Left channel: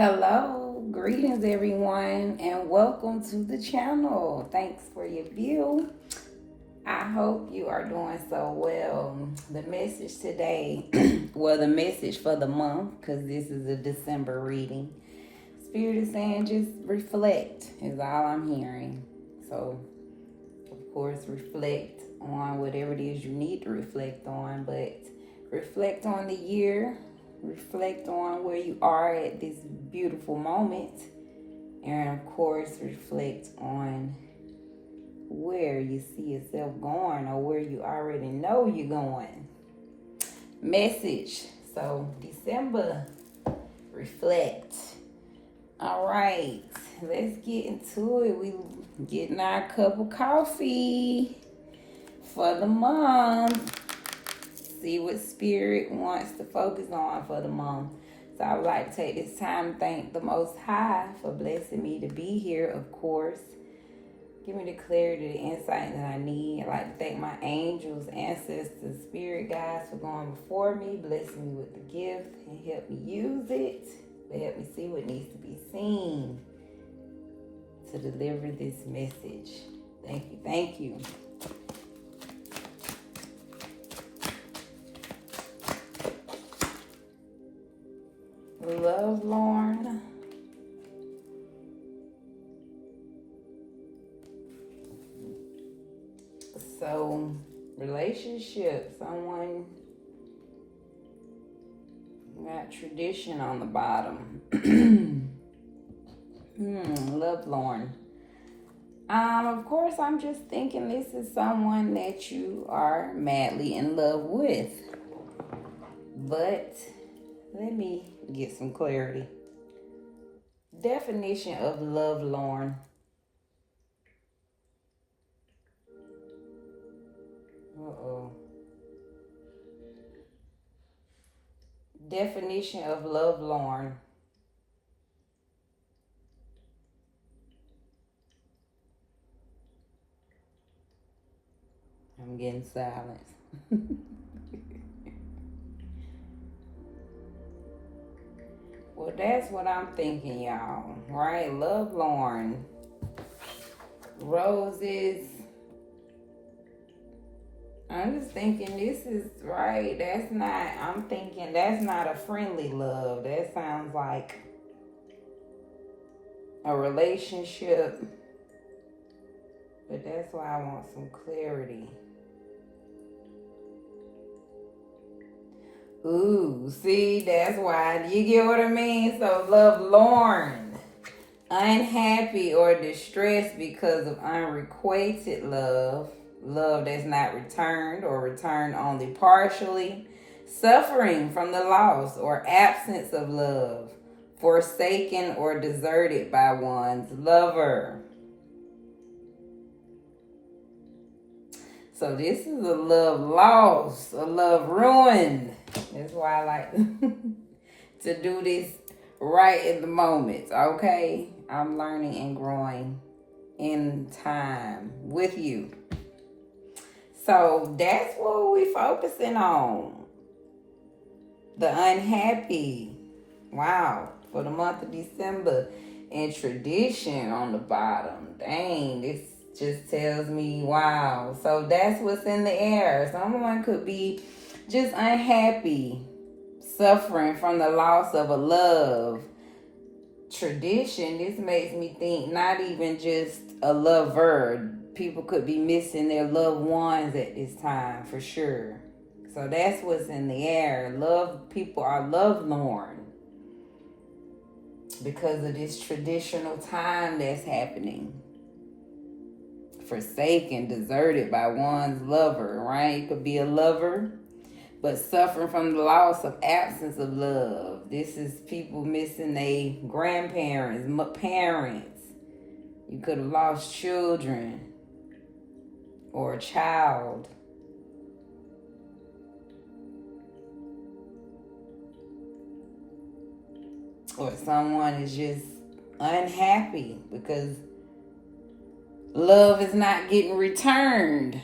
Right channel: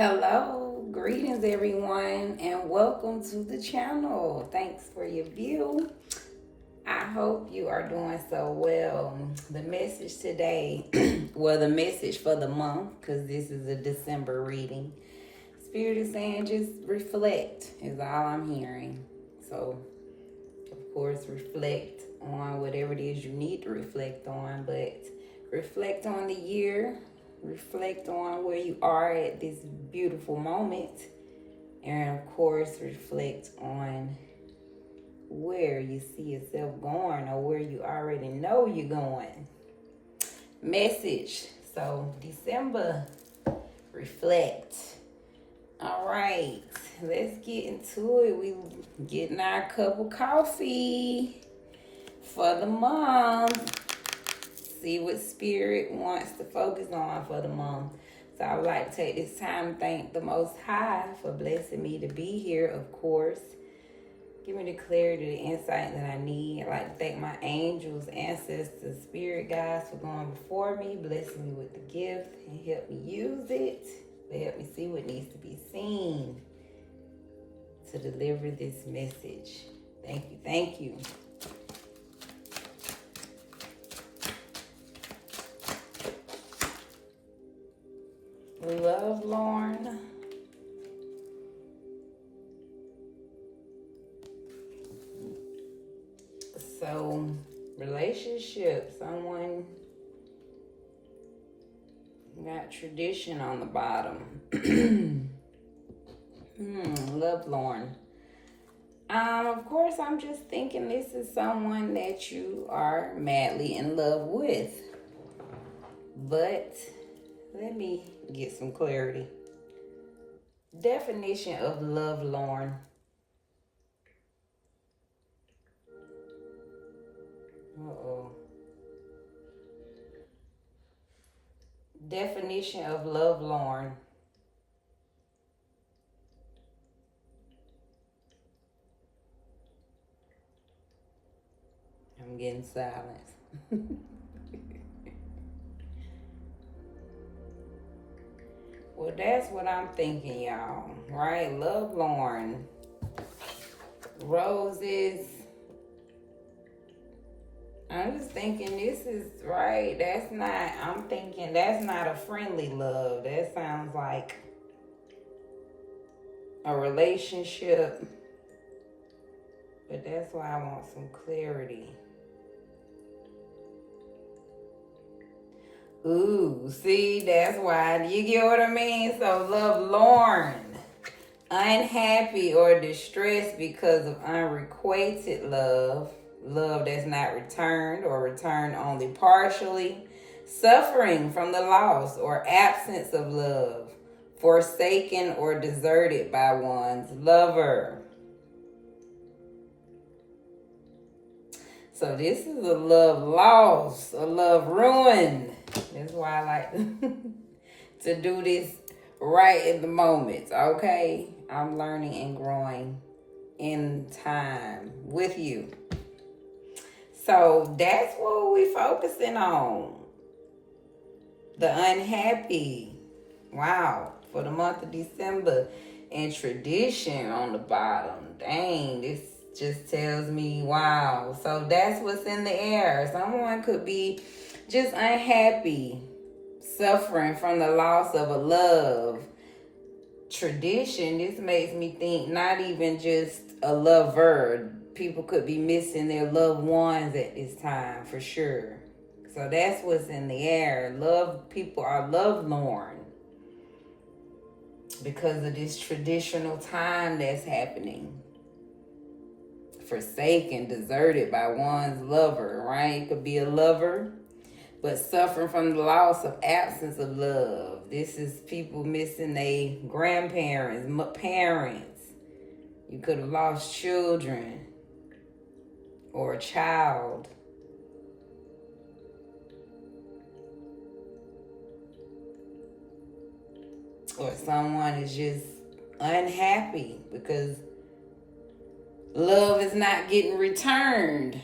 Hello, greetings everyone, and welcome to the channel. Thanks for your view. I hope you are doing so well. The message today, well, the message for the month, because this is a December reading. Spirit is saying just reflect is all I'm hearing. So, of course, reflect on whatever it is you need to reflect on, but reflect on the year. Reflect on where you are at this beautiful moment. And of course, reflect on where you see yourself going or where you already know you're going. Message. So, December, reflect. All right, let's get into it. We getting our cup of coffee for the month. See what Spirit wants to focus on for the month. So I would like to take this time to thank the Most High for blessing me to be here, of course. Give me the clarity, the insight that I need. I'd like to thank my angels, ancestors, spirit guides for going before me, blessing me with the gift and help me use it. But help me see what needs to be seen to deliver this message. Thank you, thank you. Love, Lauren. So, relationship, someone got tradition on the bottom. Love, Lauren. Of course, I'm just thinking this is someone that you are madly in love with. But let me get some clarity. Definition of love, Lauren. Definition of love, Lauren. I'm getting silence. Well, that's what I'm thinking, y'all. Right? Love, Lauren. Roses. I'm just thinking this is right. I'm thinking that's not a friendly love. That sounds like a relationship. But that's why I want some clarity. Ooh, see, that's why. You get what I mean? So, love, Lauren. Unhappy or distressed because of unrequited love. Love that's not returned or returned only partially. Suffering from the loss or absence of love. Forsaken or deserted by one's lover. So this is a love loss, a love ruined. That's why I like to do this right at the moment, okay? I'm learning and growing in time with you. So that's what we're focusing on. The unhappy. Wow. For the month of December. And tradition on the bottom. Dang, this just tells me, wow. So that's what's in the air. Someone could be just unhappy, suffering from the loss of a love. Tradition, this makes me think not even just a lover. People could be missing their loved ones at this time, for sure. So that's what's in the air. People are lovelorn because of this traditional time that's happening. Forsaken, deserted by one's lover, right? Could be a lover, but suffering from the loss of absence of love. This is people missing their grandparents, parents. You could have lost children or a child. Or someone is just unhappy because love is not getting returned,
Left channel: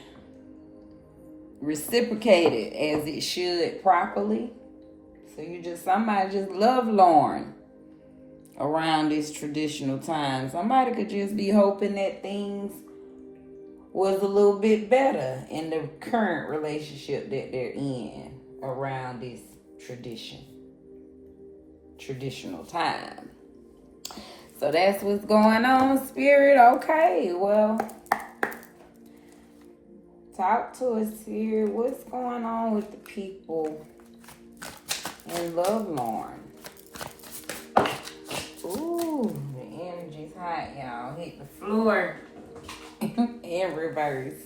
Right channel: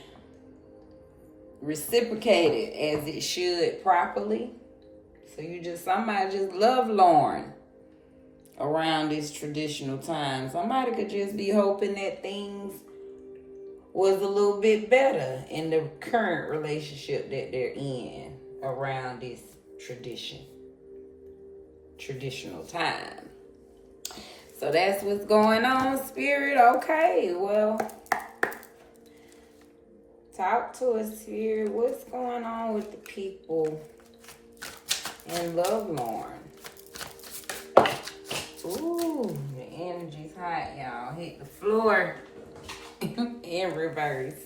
reciprocated as it should properly. So somebody just love Lauren. around this traditional time. Somebody could just be hoping that things was a little bit better in the current relationship that they're in around this traditional time. So that's what's going on, Spirit. Okay, well, talk to us, Spirit. What's going on with the people in Lovelorn? Ooh, the energy's hot, y'all. Hit the floor in reverse.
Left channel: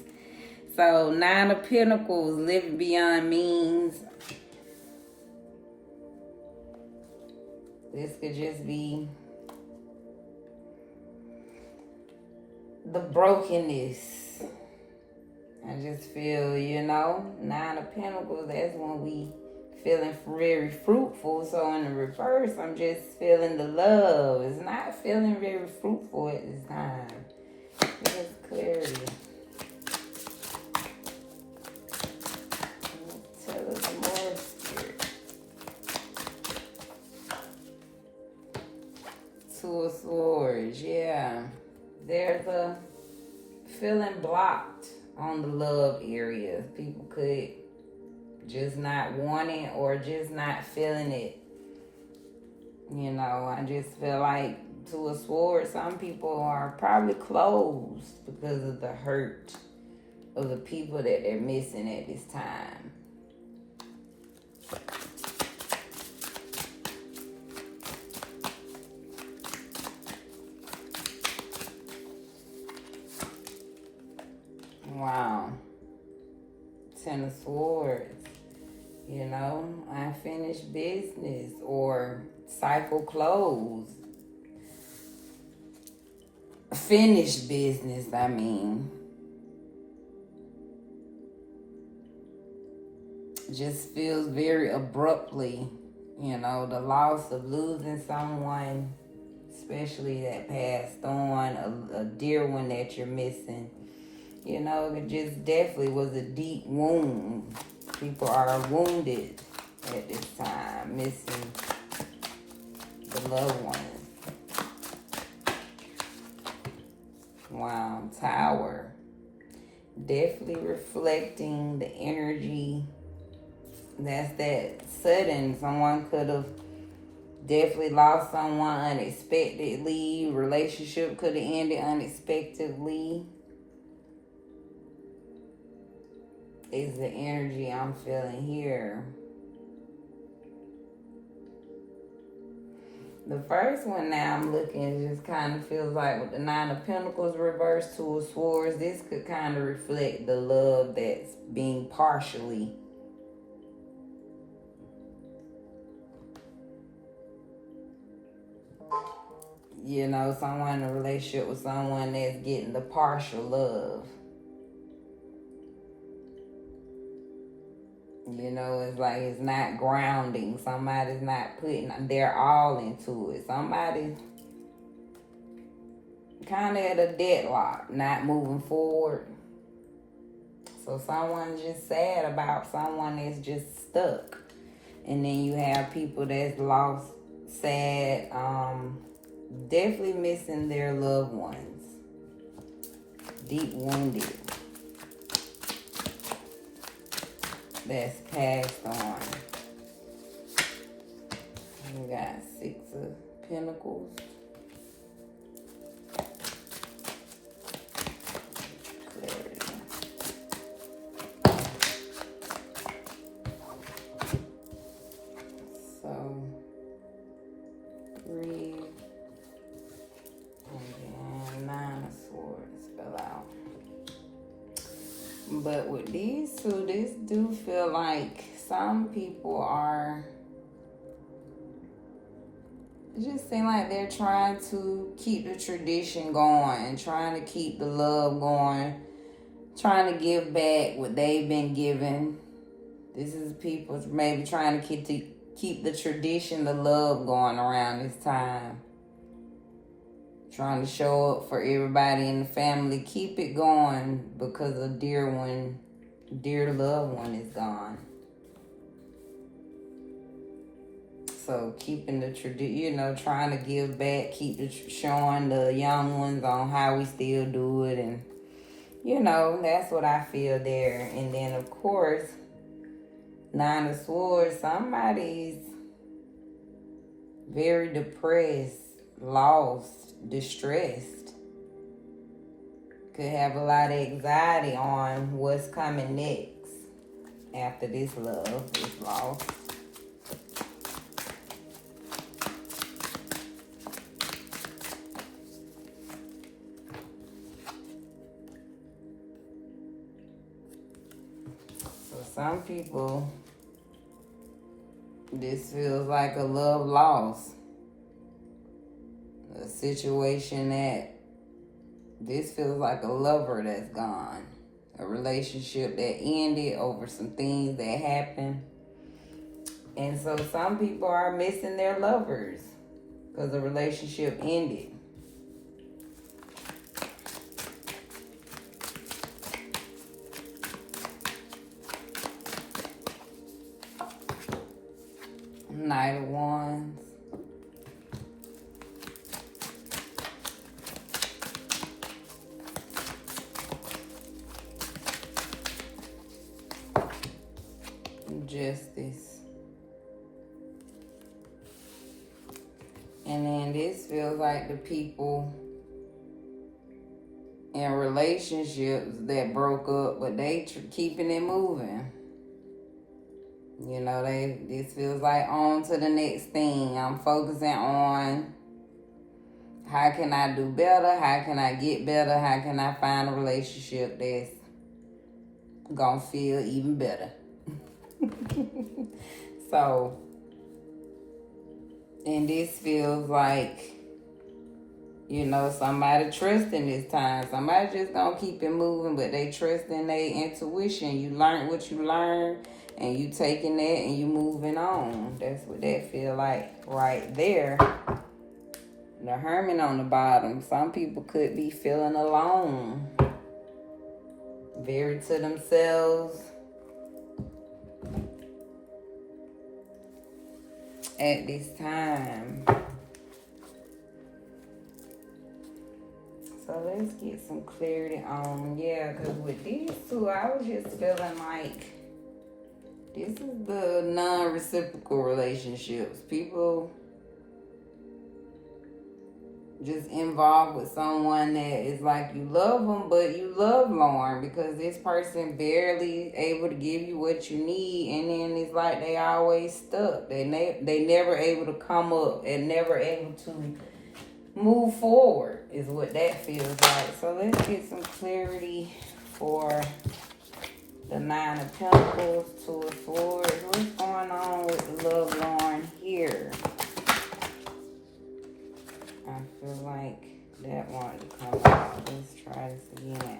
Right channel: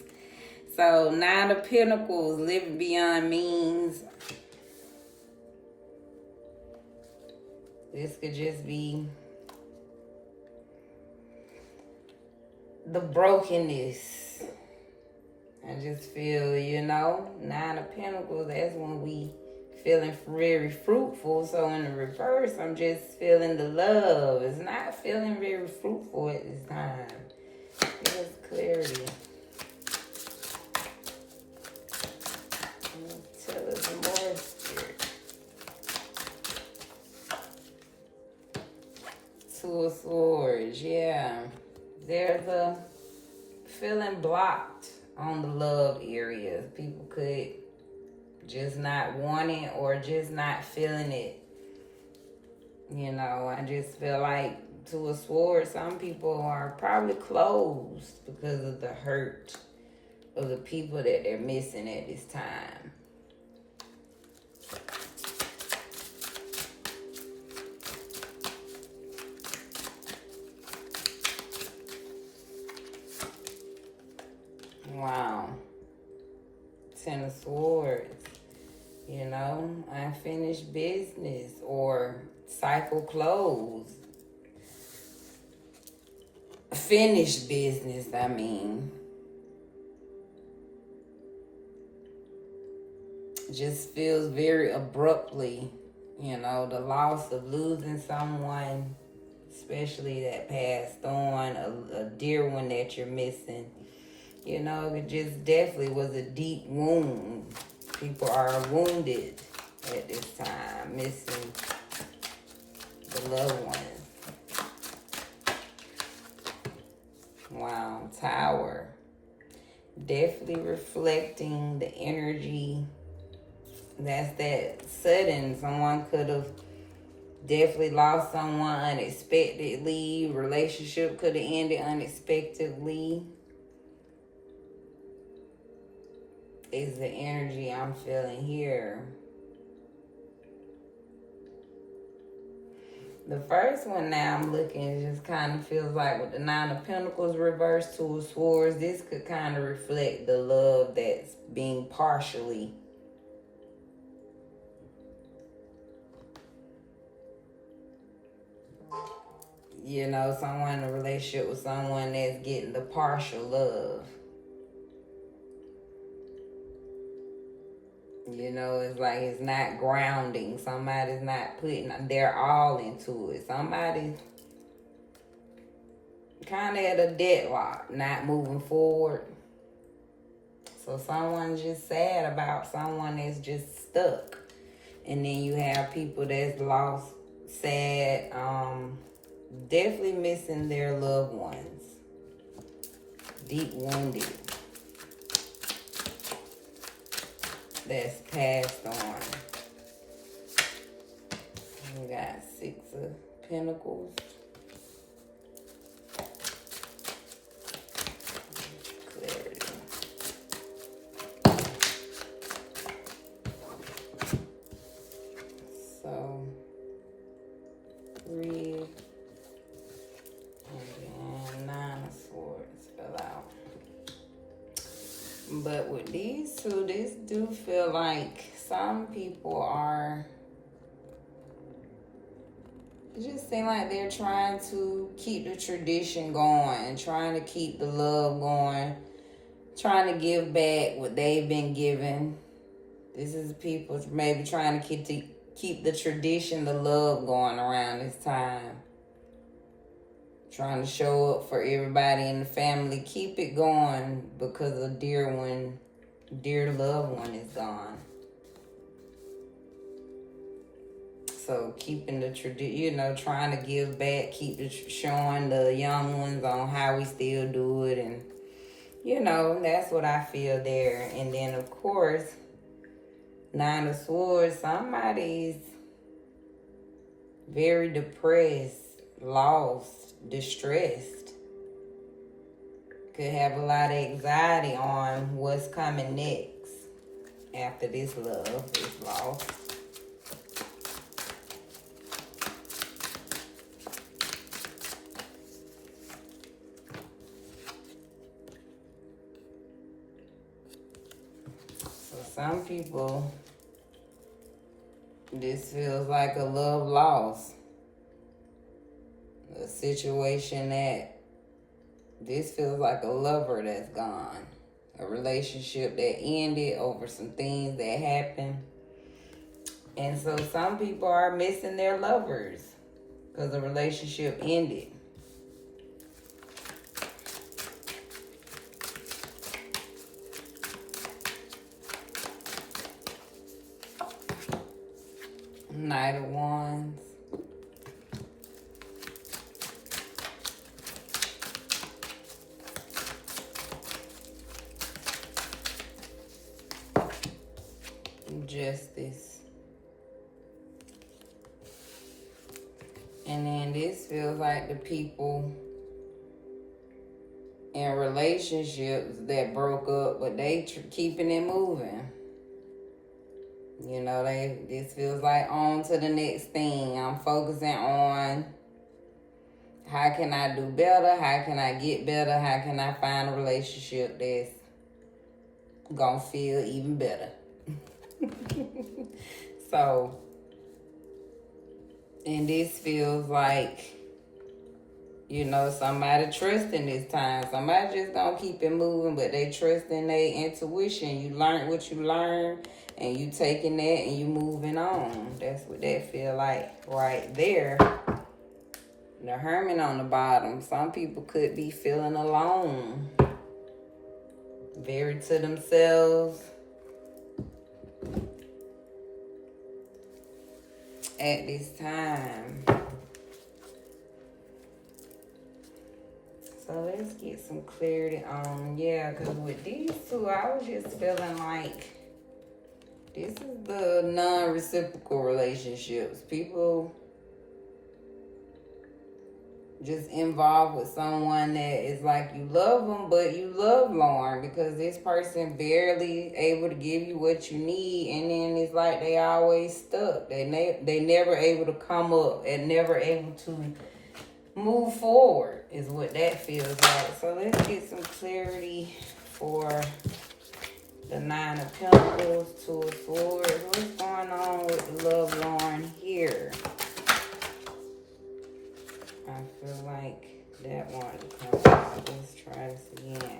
So, 9 of Pentacles, living beyond means. This could just be the brokenness. I just feel, 9 of Pentacles, that's when we feeling very fruitful. So in the reverse, I'm just feeling the love. It's not feeling very fruitful at this time. Just clarity. Tell us more, Spirit. 2 of Swords, yeah. There's a feeling blocked on the love area. People could just not want it or just not feeling it. I just feel like 2 of Swords, some people are probably closed because of the hurt of the people that they're missing at this time. Wow. 10 of Swords. Unfinished business or cycle closed. Finished business, I mean. Just feels very abruptly, the loss of losing someone, especially that passed on, a dear one that you're missing. It just definitely was a deep wound. People are wounded at this time, missing the loved ones. Wow, Tower. Definitely reflecting the energy. That's that sudden. Someone could have definitely lost someone unexpectedly. Relationship could have ended unexpectedly. Is the energy I'm feeling here. The first one now I'm looking, it just kind of feels like with the 9 of Pentacles reversed, 2 of Swords, this could kind of reflect the love that's being partially. Someone in a relationship with someone that's getting the partial love. It's like it's not grounding. Somebody's not putting their all into it. Somebody kind of at a deadlock, not moving forward. So someone's just sad about someone that's just stuck. And then you have people that's lost, sad, definitely missing their loved ones. Deep wounded. That's passed on. We got 6 of Pentacles. Clarity. So, 3 and 9 of Swords fell out. But with these two, this do feel like some people are, it just seems like they're trying to keep the tradition going, trying to keep the love going, trying to give back what they've been given. This is people maybe trying to keep the tradition, the love going around this time. Trying to show up for everybody in the family. Keep it going because a dear loved one is gone. So keeping the tradition, trying to give back, showing the young ones on how we still do it. And, that's what I feel there. And then, of course, Nine of Swords, somebody's very depressed, lost, distressed. Could have a lot of anxiety on what's coming next after this love is lost. So some people, this feels like a love loss. A situation that this feels like a lover that's gone. A relationship that ended over some things that happened. And so some people are missing their lovers because the relationship ended. Knight of Wands. Justice. And then this feels like the people in relationships that broke up, but they keeping it moving. This feels like on to the next thing. I'm focusing on how can I do better? How can I get better? How can I find a relationship that's gonna feel even better? So, and this feels like, somebody trusting this time. Somebody just don't keep it moving, but they trust in their intuition. You learn what you learn, and you taking that and you moving on. That's what that feel like right there. The Hermit on the bottom. Some people could be feeling alone. Very to themselves. At this time. So let's get some clarity on, because with these two, I was just feeling like this is the non-reciprocal relationships. People just involved with someone that is like you love them, but you love Lauren because this person barely able to give you what you need, and then it's like they always stuck. They never able to come up and never able to move forward is what that feels like. So let's get some clarity for the Nine of Pentacles, Two of Swords. What's going on with the love Lauren here? I feel like that wanted to come out. Let's try this again.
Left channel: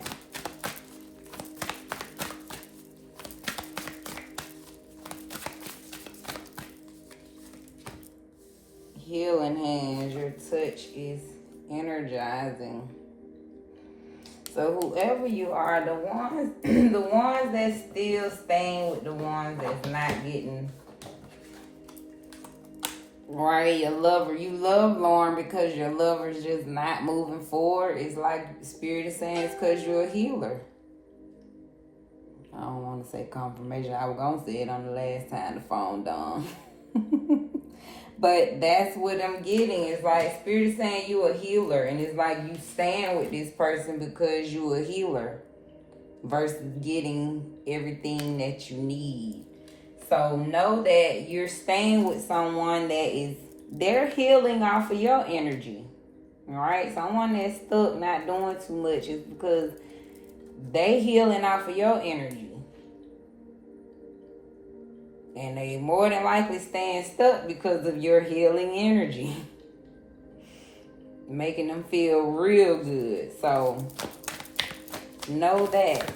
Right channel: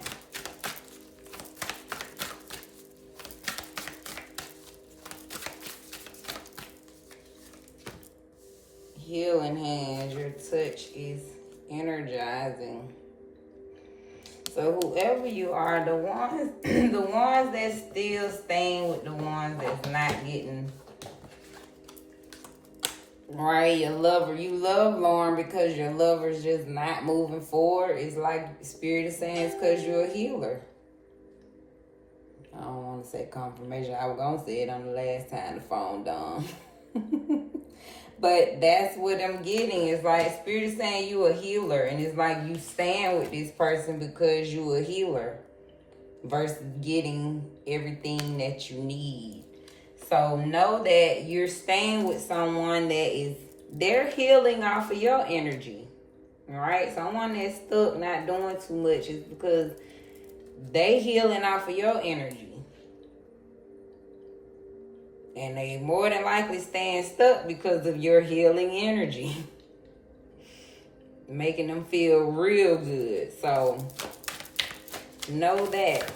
Healing hands. Your touch is energizing. So whoever you are, the ones the ones that's still staying with the ones that's not getting right, your lover, you love Lauren because your lover's just not moving forward. It's like Spirit is saying it's because you're a healer. I don't want to say confirmation. I was going to say it on the last time the phone done. But that's what I'm getting. It's like Spirit is saying you a healer. And it's like you stand with this person because you a healer. Versus getting everything that you need. So know that you're staying with someone that they're healing off of your energy. All right? Someone that's stuck, not doing too much is because they healing off of your energy. And they more than likely staying stuck because of your healing energy. Making them feel real good. So know that.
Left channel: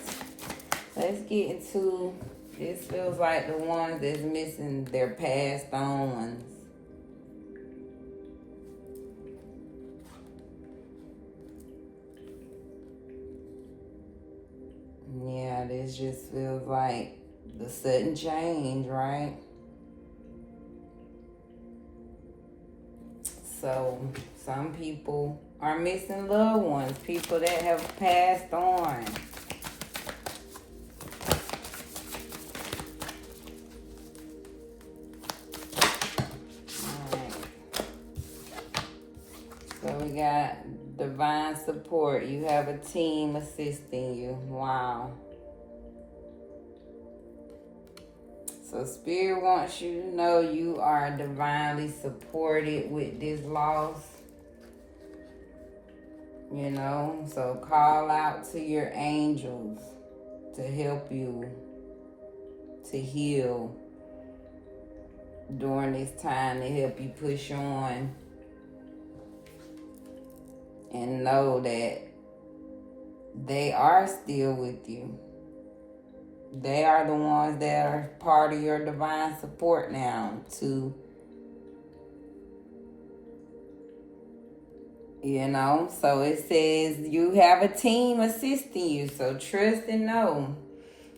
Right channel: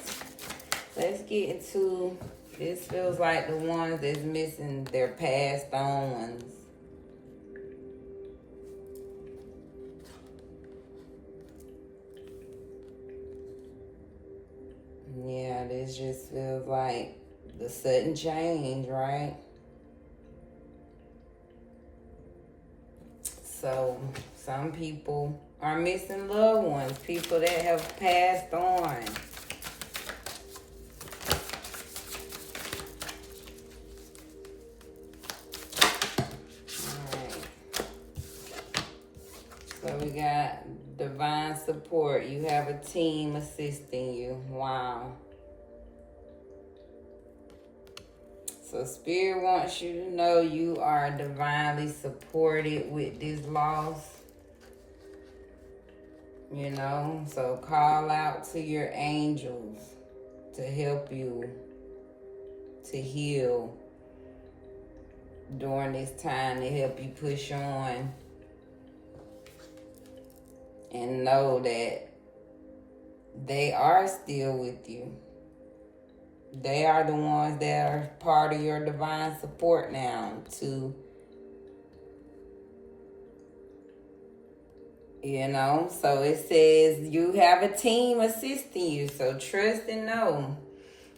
Let's get into, this feels like the ones that's missing their passed on ones. Yeah, this just feels like the sudden change, right? So some people are missing loved ones, people that have passed on. So we got divine support. You have a team assisting you. Wow. So Spirit wants you to know you are divinely supported with this loss. You know, so call out to your angels to help you to heal during this time, to help you push on. And know that they are still with you. They are the ones that are part of your divine support now to, you know. So it says you have a team assisting you. So trust and know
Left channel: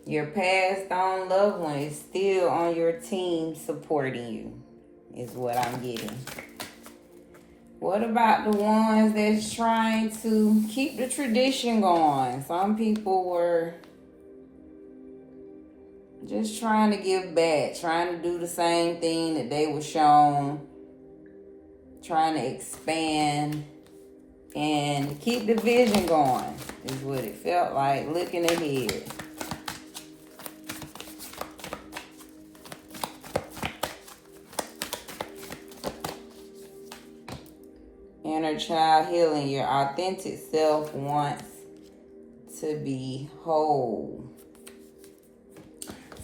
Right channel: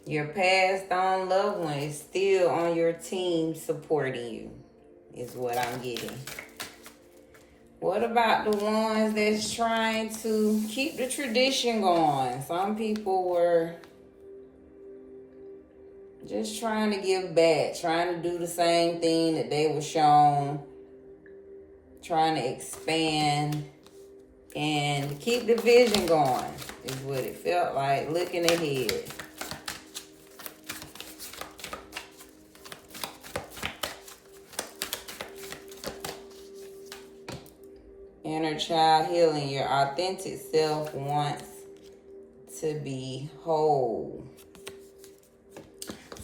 your passed on loved one is still on your team supporting you, is what I'm getting. What about the ones that's trying to keep the tradition going? Some people were just trying to give back, trying to do the same thing that they were shown, trying to expand and keep the vision going, is what it felt like, looking ahead. Inner child healing. Your authentic self wants to be whole.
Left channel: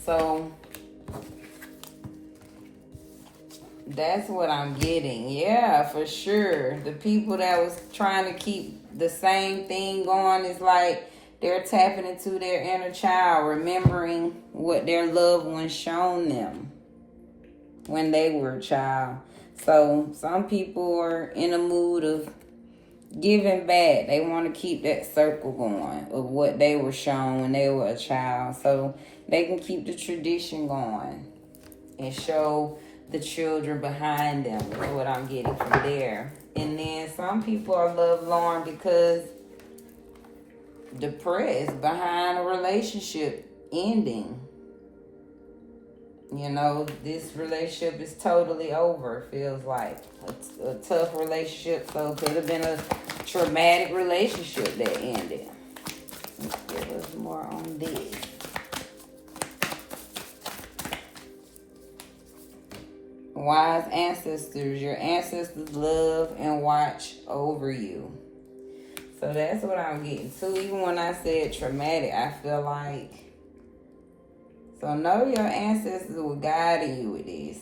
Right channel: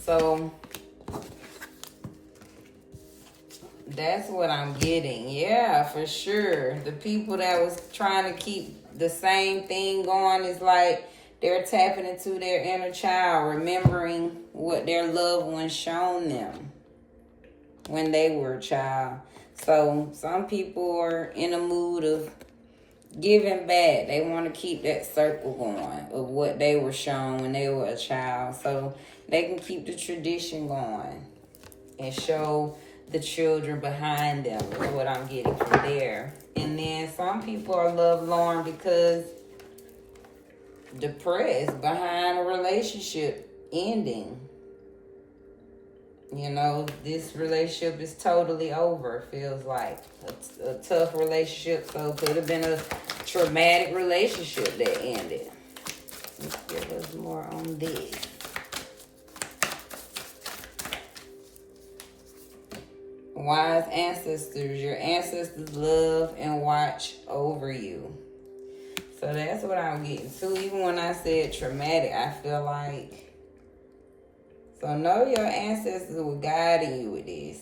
So that's what I'm getting. Yeah, for sure. The people that was trying to keep the same thing going is like they're tapping into their inner child, remembering what their loved ones shown them when they were a child. So some people are in a mood of giving back. They want to keep that circle going of what they were shown when they were a child, so they can keep the tradition going and show the children behind them. That's what I'm getting from there. And then some people are lovelorn because depressed behind a relationship ending. You know, this relationship is totally over, feels like. It's a tough relationship, so it could have been a traumatic relationship that ended. Let's give us more on this. Wise ancestors. Your ancestors love and watch over you. So that's what I'm getting to. Even when I said traumatic, I feel like, so know your ancestors were guiding you with this.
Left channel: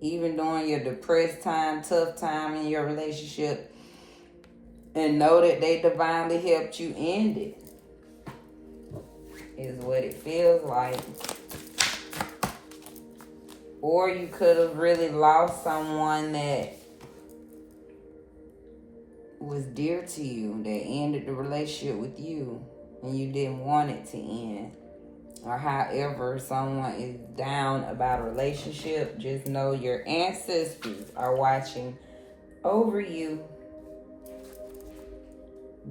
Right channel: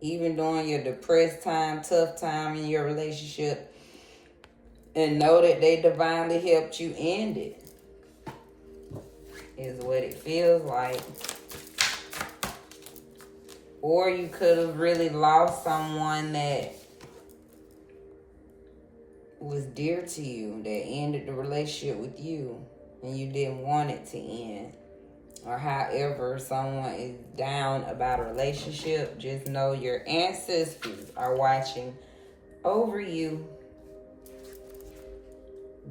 Even during your depressed time, tough time in your relationship. And know that they divinely helped you end it. Is what it feels like. Or you could have really lost someone that was dear to you, that ended the relationship with you, and you didn't want it to end. Or however someone is down about a relationship, just know your ancestors are watching over you,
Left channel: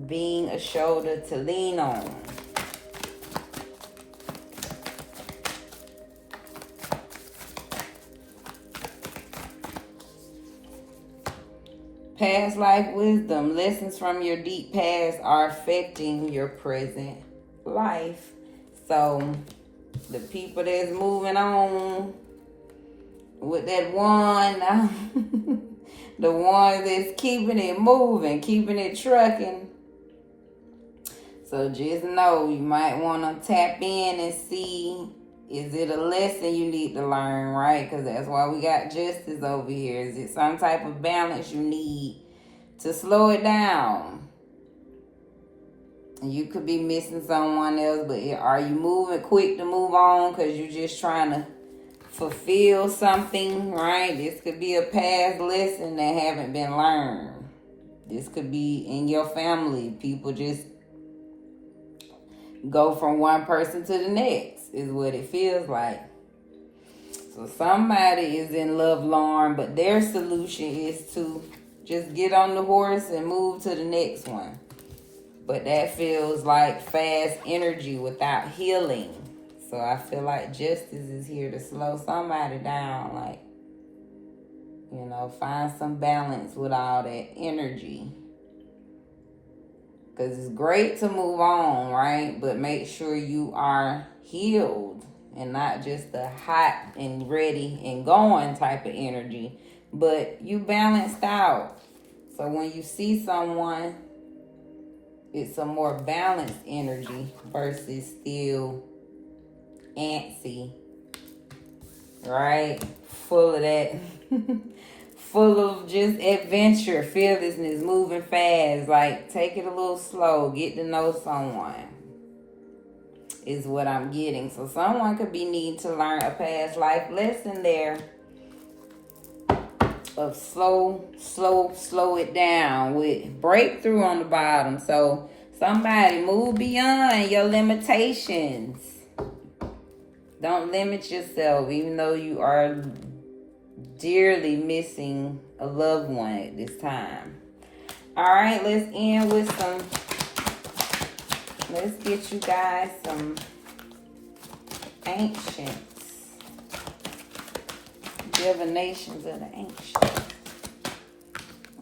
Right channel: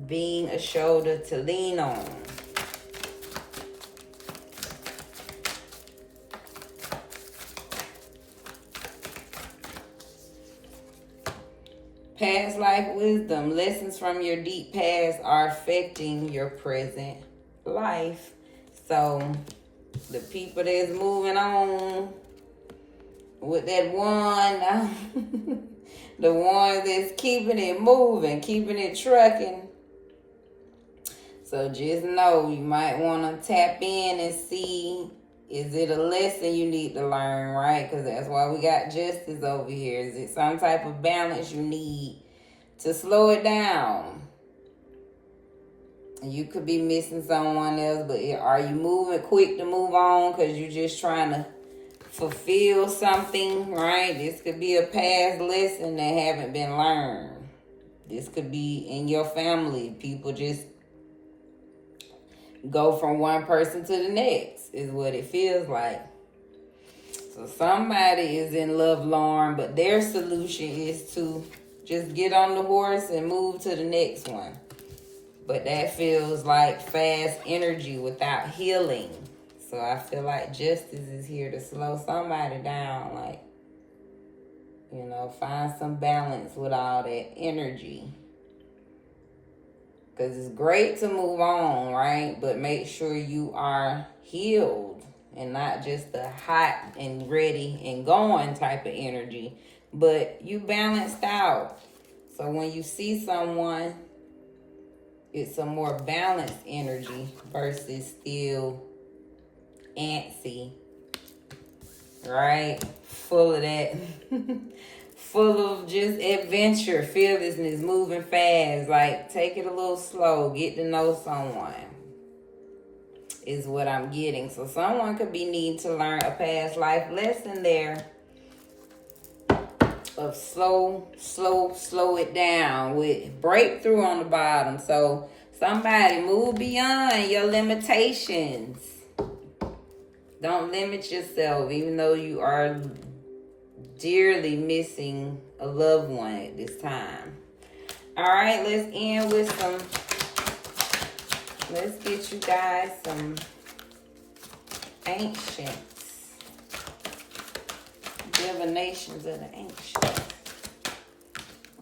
being a shoulder to lean on. Past life wisdom. Lessons from your deep past are affecting your present life. So the people that's moving on with that one, the one that's keeping it moving, keeping it trucking. So just know you might want to tap in and see, is it a lesson you need to learn, right? Because that's why we got justice over here. Is it some type of balance you need to slow it down? You could be missing someone else, but are you moving quick to move on because you're just trying to fulfill something, right? This could be a past lesson that haven't been learned. This could be in your family. People just go from one person to the next, is what it feels like. So somebody is in love lorn, but their solution is to just get on the horse and move to the next one. But that feels like fast energy without healing. So I feel like justice is here to slow somebody down. Like, you know, find some balance with all that energy. Because it's great to move on, right? But make sure you are healed and not just the hot and ready and going type of energy. But you balanced out. So when you see someone, it's a more balanced energy versus still antsy, right? Full of that, full of just adventure, fearlessness, moving fast. Like, take it a little slow, get to know someone is what I'm getting. So someone could be needing to learn a past life lesson there of slow it down with breakthrough on the bottom. So somebody move beyond your limitations. Don't limit yourself, even though you are dearly missing a loved one at this time. All right, let's end with let's get you guys some ancients. Divinations of the ancients.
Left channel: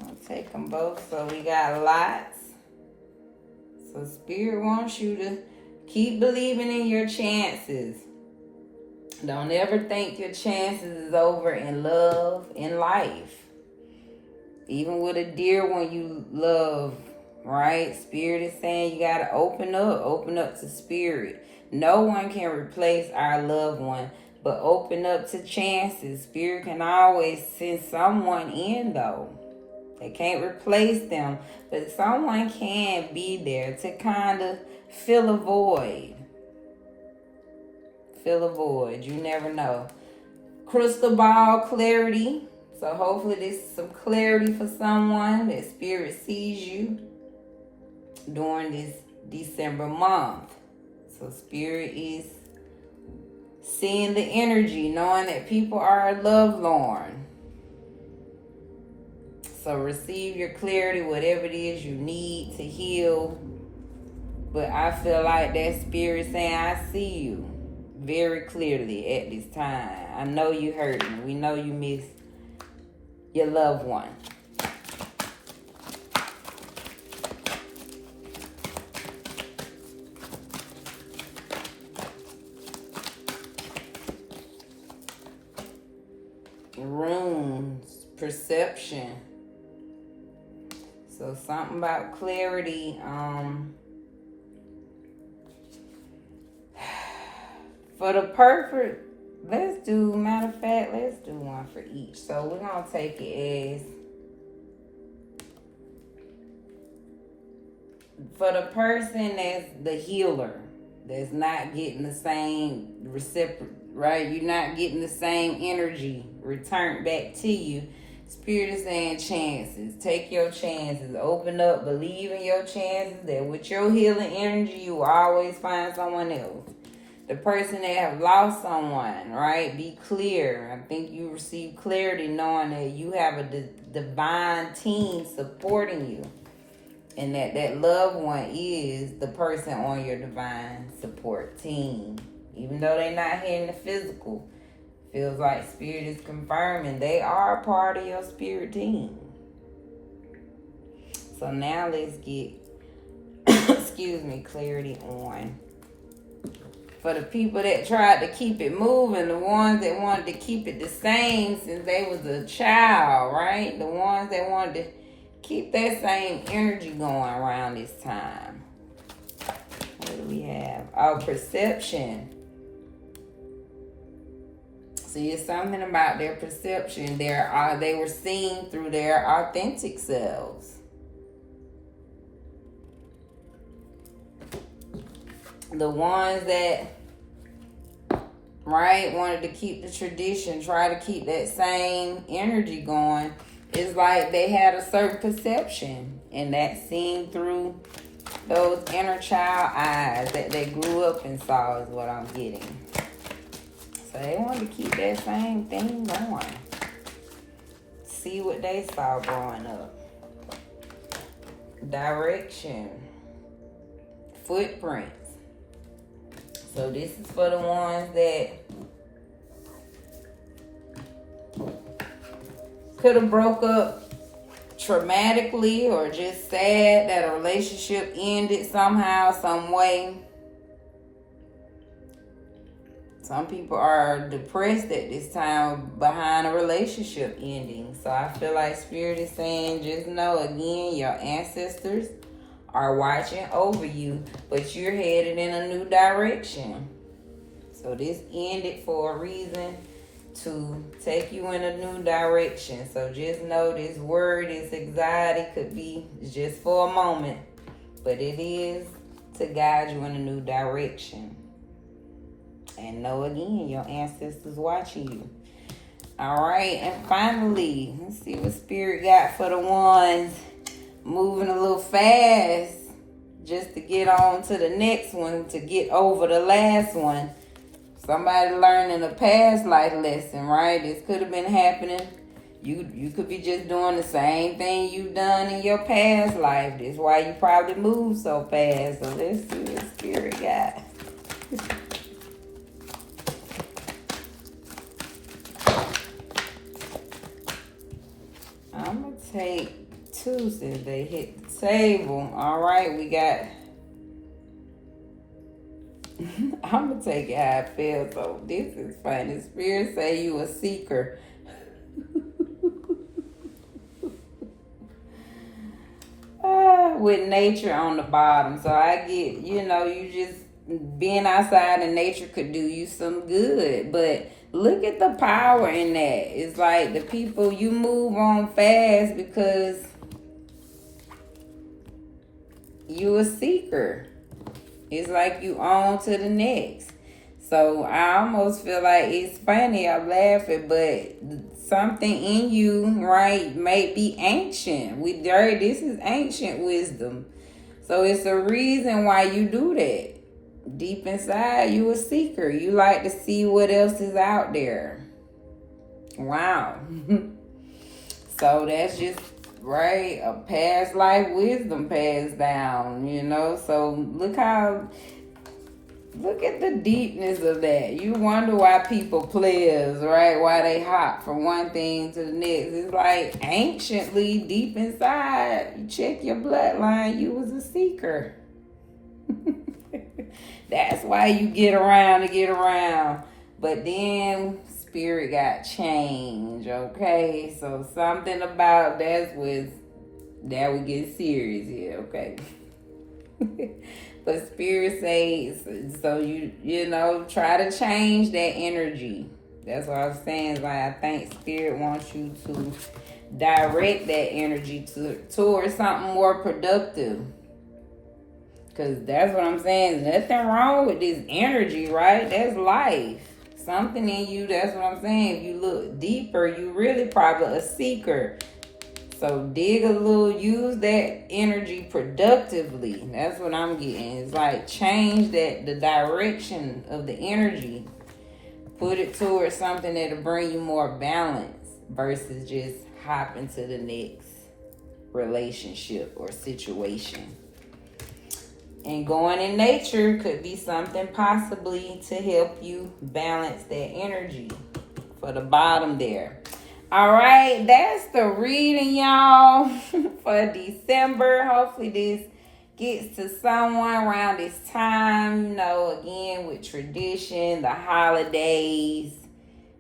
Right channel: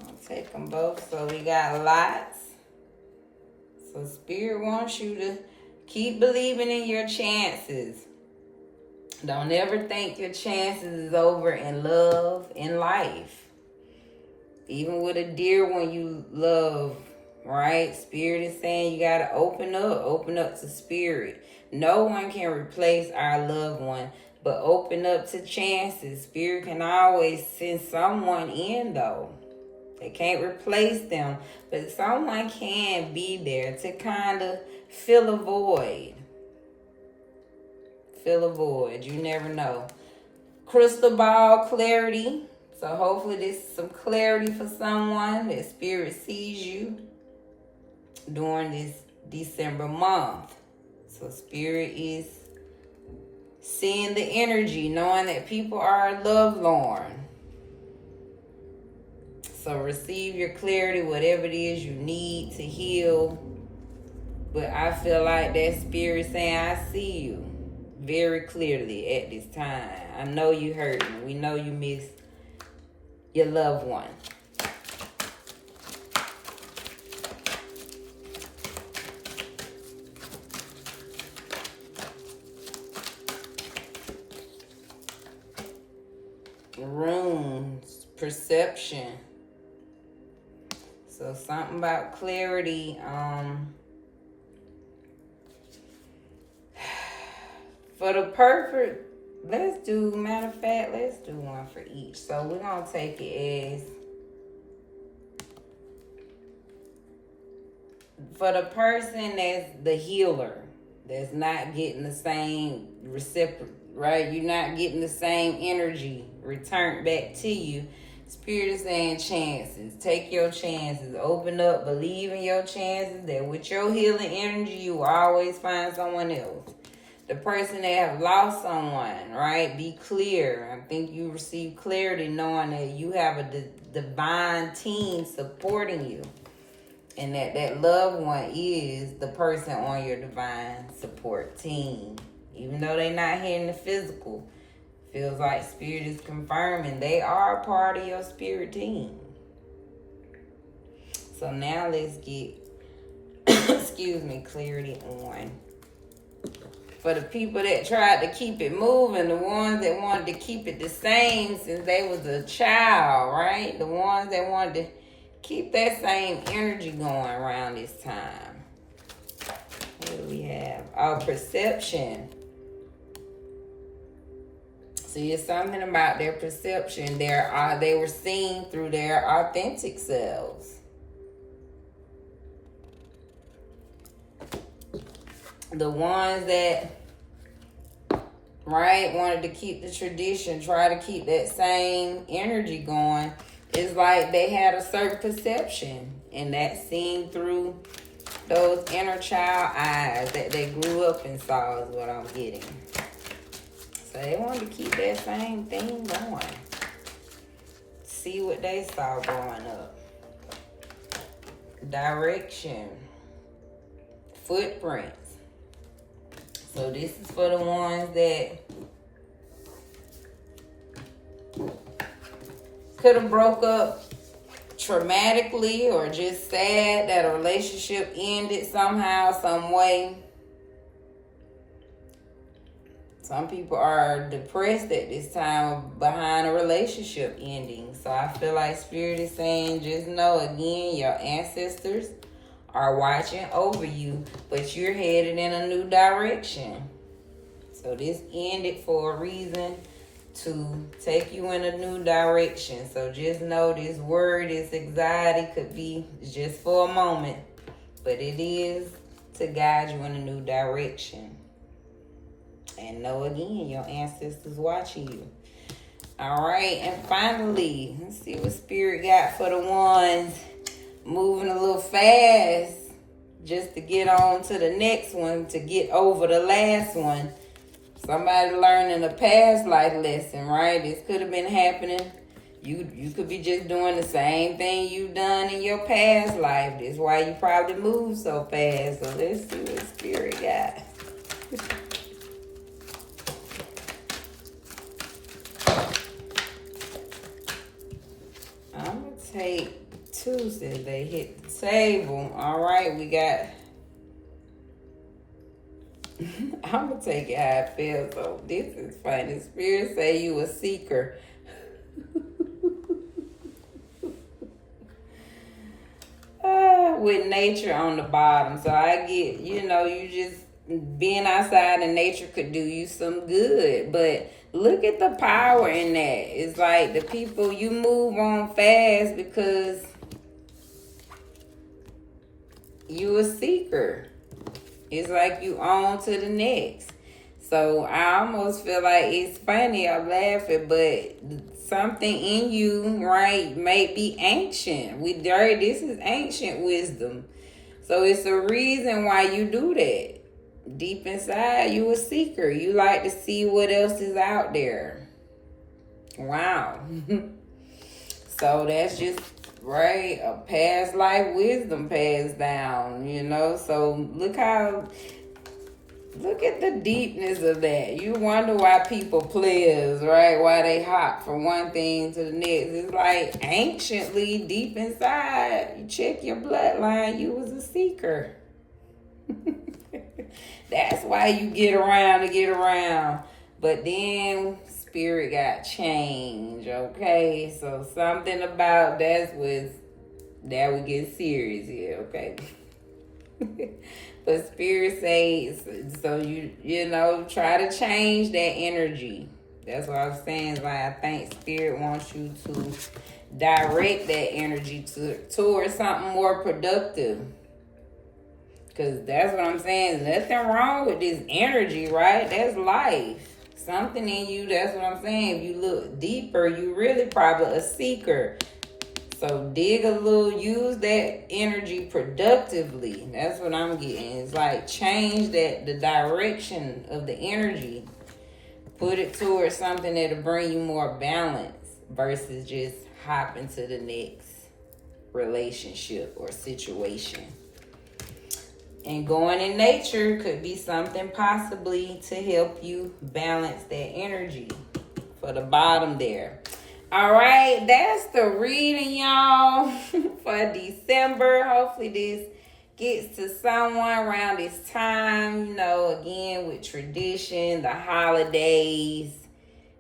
I'll take them both. So we got lots. So Spirit wants you to keep believing in your chances. Don't ever think your chances is over in love, in life. Even with a dear one you love, right? Spirit is saying you got to open up to Spirit. No one can replace our loved one, but open up to chances. Spirit can always send someone in, though. They can't replace them, but someone can be there to kind of fill a void. Fill a void. You never know. Crystal ball clarity. So hopefully this is some clarity for someone that Spirit sees you during this December month. So Spirit is seeing the energy, knowing that people are lovelorn. So receive your clarity, whatever it is you need to heal. But I feel like that Spirit saying, I see you very clearly at this time. I know you hurting. We know you miss your loved one. Runes, perception. So something about clarity. For the perfect, matter of fact, let's do one for each. So we're going to take it as, for the person that's the healer, that's not getting the same reciprocal, right? You're not getting the same energy returned back to you. Spirit is saying chances. Take your chances. Open up. Believe in your chances that with your healing energy, you will always find someone else. The person that have lost someone, right? Be clear. I think you receive clarity knowing that you have a divine team supporting you. And that loved one is the person on your divine support team. Even though they're not here in the physical, feels like Spirit is confirming they are a part of your spirit team. So now let's get, clarity on. For the people that tried to keep it moving, the ones that wanted to keep it the same since they was a child, right? The ones that wanted to keep that same energy going around this time. What do we have? Our perception. See, it's something about their perception. They were seen through their authentic selves. The ones that, right, wanted to keep the tradition, try to keep that same energy going, it's like they had a certain perception, and that's seen through those inner child eyes that they grew up and saw is what I'm getting. So So they wanted to keep that same thing going. See what they saw growing up. Direction. Footprints. So this is for the ones that could have broke up traumatically or just sad that a relationship ended somehow, some way. Some people are depressed at this time behind a relationship ending. So I feel like Spirit is saying, just know again, your ancestors are watching over you, but you're headed in a new direction. So this ended for a reason, to take you in a new direction. So just know this word, this anxiety could be just for a moment, but it is to guide you in a new direction. And know again, your ancestors watching you. All right, and finally, let's see what Spirit got for the ones moving a little fast just to get on to the next one, to get over the last one. Somebody learning a past life lesson, right? This could have been happening. You could be just doing the same thing you've done in your past life. That's why you probably moved so fast. So let's see what Spirit got. I'm going to take two since they hit the table. All right, we got... I'm going to take it how I feel. So this is funny. Spirit say you a seeker. With nature on the bottom. So I get, you just being outside in nature could do you some good. But look at the power in that. It's like the people, you move on fast because you a seeker. It's like you on to the next. So I almost feel like it's funny. I'm laughing, but something in you, right, may be ancient. This is ancient wisdom. So it's a reason why you do that. Deep inside, you a seeker. You like to see what else is out there. Wow. So that's just, right, a past life wisdom passed down, So look at the deepness of that. You wonder why people players, right? Why they hop from one thing to the next. It's like anciently, deep inside, you check your bloodline, you was a seeker. That's why you get around. But then Spirit got change, okay? So something about that we get serious here, okay? But Spirit says, so you try to change that energy. That's what I'm saying. Is like I think Spirit wants you to direct that energy towards something more productive. Because that's what I'm saying. There's nothing wrong with this energy, right? That's life. Something in you, that's what I'm saying. If you look deeper, you really probably a seeker. So dig a little, use that energy productively. That's what I'm getting. It's like change the direction of the energy. Put it towards something that'll bring you more balance versus just hopping to the next relationship or situation. And going in nature could be something possibly to help you balance that energy for the bottom there. All right, that's the reading, y'all, for December. Hopefully this gets to someone around this time, again, with tradition, the holidays.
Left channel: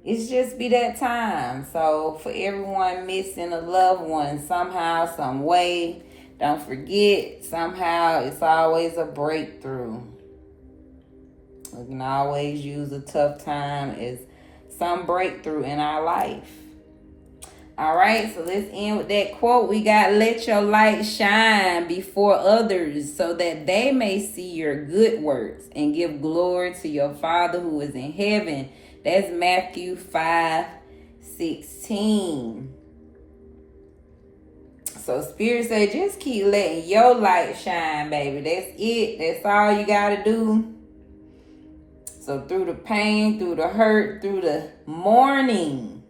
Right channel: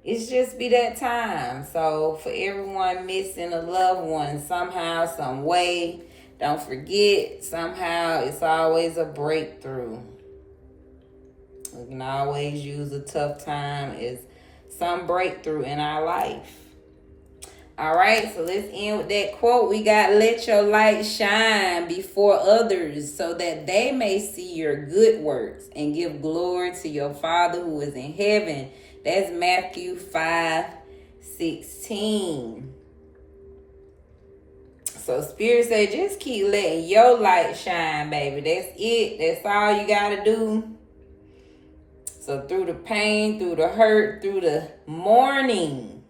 It's just be that time. So for everyone missing a loved one somehow, some way, don't forget, somehow it's always a breakthrough. We can always use a tough time as some breakthrough in our life. All right, so let's end with that quote. We got, let your light shine before others so that they may see your good works and give glory to your Father who is in heaven. That's Matthew 5:16. So Spirit say, just keep letting your light shine, baby. That's it. That's all you got to do. So through the pain, through the hurt, through the mourning,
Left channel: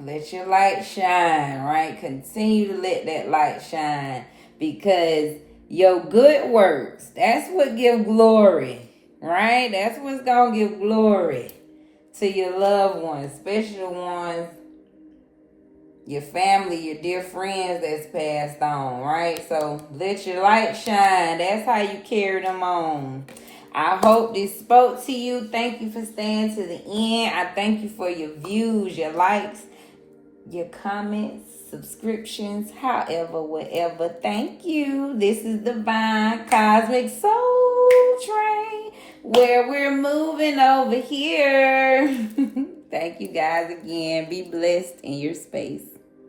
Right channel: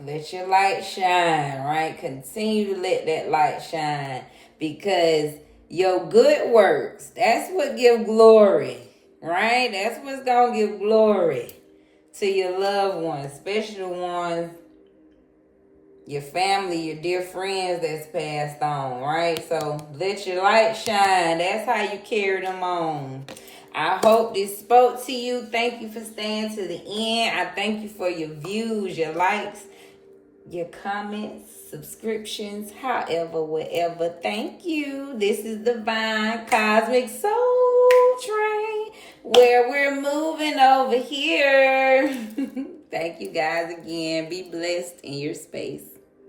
let your light shine, right? Continue to let that light shine, because your good works, that's what give glory, right? That's what's going to give glory to your loved ones, especially the ones, your family, your dear friends that's passed on, right? So let your light shine. That's how you carry them on. I hope this spoke to you. Thank you for staying to the end. I thank you for your views, your likes, your comments, subscriptions, however, whatever. Thank you. This is Divine Cosmic Soul Train, where we're moving over here. Thank you guys again. Be blessed in your space.